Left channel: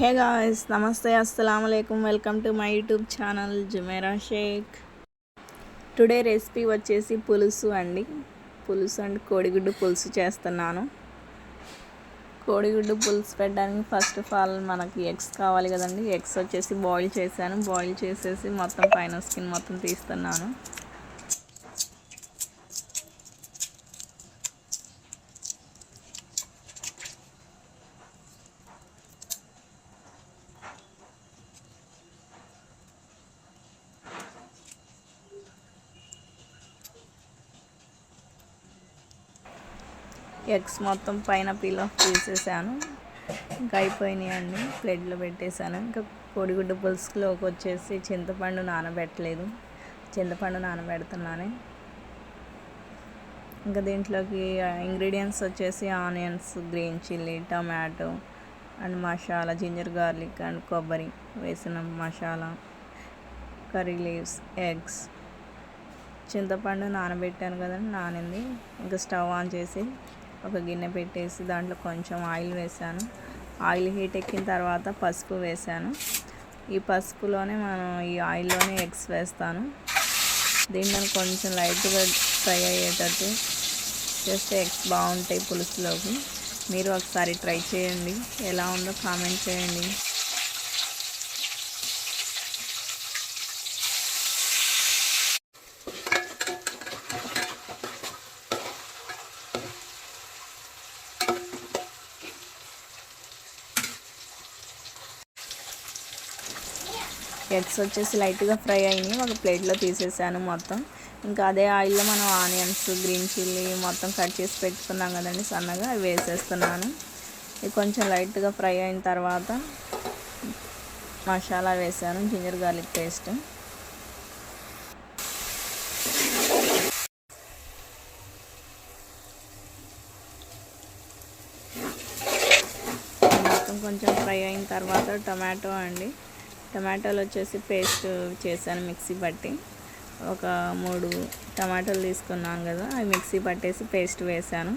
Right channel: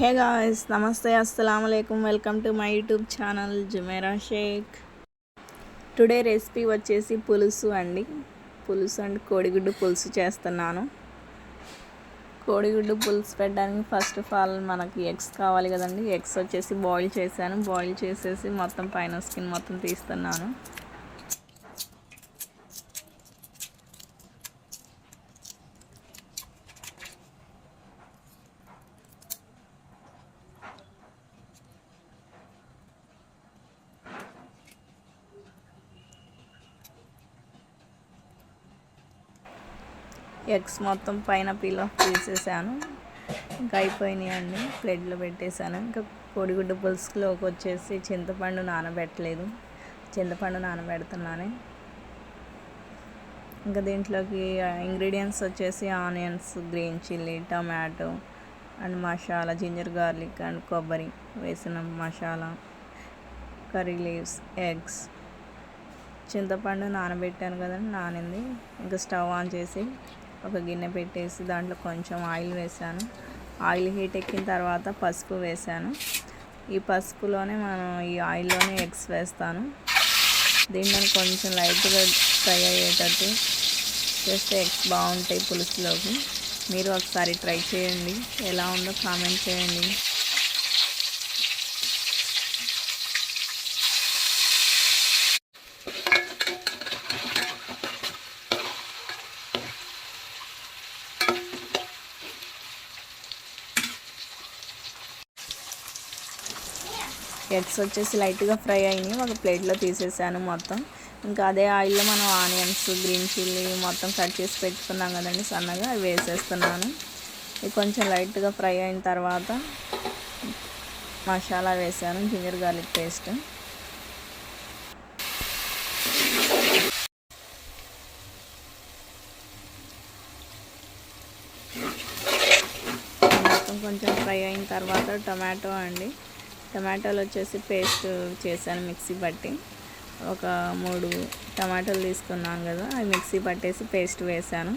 Hey guys, నమస్తే, అస్సలం అయికం. Welcome to my YouTube channel Jumera Sheikh. Today recipe వచ్చేసి పులుసు అండి. పులుసు అండ్ కోడిగుడ్డు పులుసు చేస్తున్నాను. కోడిగుడ్డు పులుసు పెట్టడానికి ఫస్ట్ ఆఫ్ ఆల్ మనకి ఎగ్స్ కావాలి కదండి. ఎగ్స్ వచ్చేసి బాయిల్ చేశాను. బాయిల్ చేసేసి మొత్తం పైన స్కిన్ మొత్తం తీస్తున్నాను. ఎగ్స్ మొత్తం పైన పీల్ ఆఫ్ చేసేసాను. ఇంకా అయిపోయినాయి అండి. ప్లేట్లో పెట్టేశాను. ఇంకా కోడిగుడ్డు పులుసులోకి వచ్చేసి చింతపండు నానబెట్టలేదు, చింతపండు నానబెడుతున్నాను. ఇంకా దీంట్లోకి ఇంగ్రీడియంట్స్ వచ్చేసి onions, green chilli, tomato and masala, ginger garlic and కొబ్బరి వేసిన మసాలా, కర్రీ లీవ్స్, ఎగ్స్, చింతపండు నానబెట్టాను కదండి, నానింది. ఇంకా స్టవ్ ఆన్ చేసి ఒక గిన్నె పెట్టేసి దాంట్లో కొంచెం ఆయిల్ వేసాను. ఆయిల్ హీట్ ఎక్కిన తర్వాత పసుపు వేసాను. ఈ పసుపులోనే ఈ ఆయిల్లోనే ఎగ్స్ వేస్తాను. దీంట్లో కొంచెం లైట్గా ఫ్రై అయ్యేటట్టు చేస్తే ఎగ్స్ బాగుంటాయి పులుసులోకి. మీరు ఒకసారి ట్రై చేయండి, ఎలా ఉందో కామెంట్ చేయండి. ఎగ్స్ వచ్చేసి లైట్గా ఫ్రై అయినాయి. ఒక ప్లేట్లో తీసేసాను మొత్తం. ఇంకా అదే ఆయిల్లో మనం ఆనియన్స్, గ్రీన్ చిల్లీ మొత్తం కట్ చేసి పెట్టుకున్నాం కదండి సన్నగా, అవి వేసేస్తున్నాను. ఇది కొంచెం లైట్గా ఫ్రై అయిన తర్వాత మసాలా వేసాను, జింజర్ గార్లిక్ పేస్ట్. మొత్తం కొంచెం ఫ్రై అయిన తర్వాత టమాటో అండి. టమాటాలు వచ్చేసి పేస్ట్ చేశాను మిక్సీ పట్టి. ఒక 3 టమాటాలు తీసుకున్నాను కదా, అవి మిక్సీ పట్టేసి పేస్ట్ వేసాను.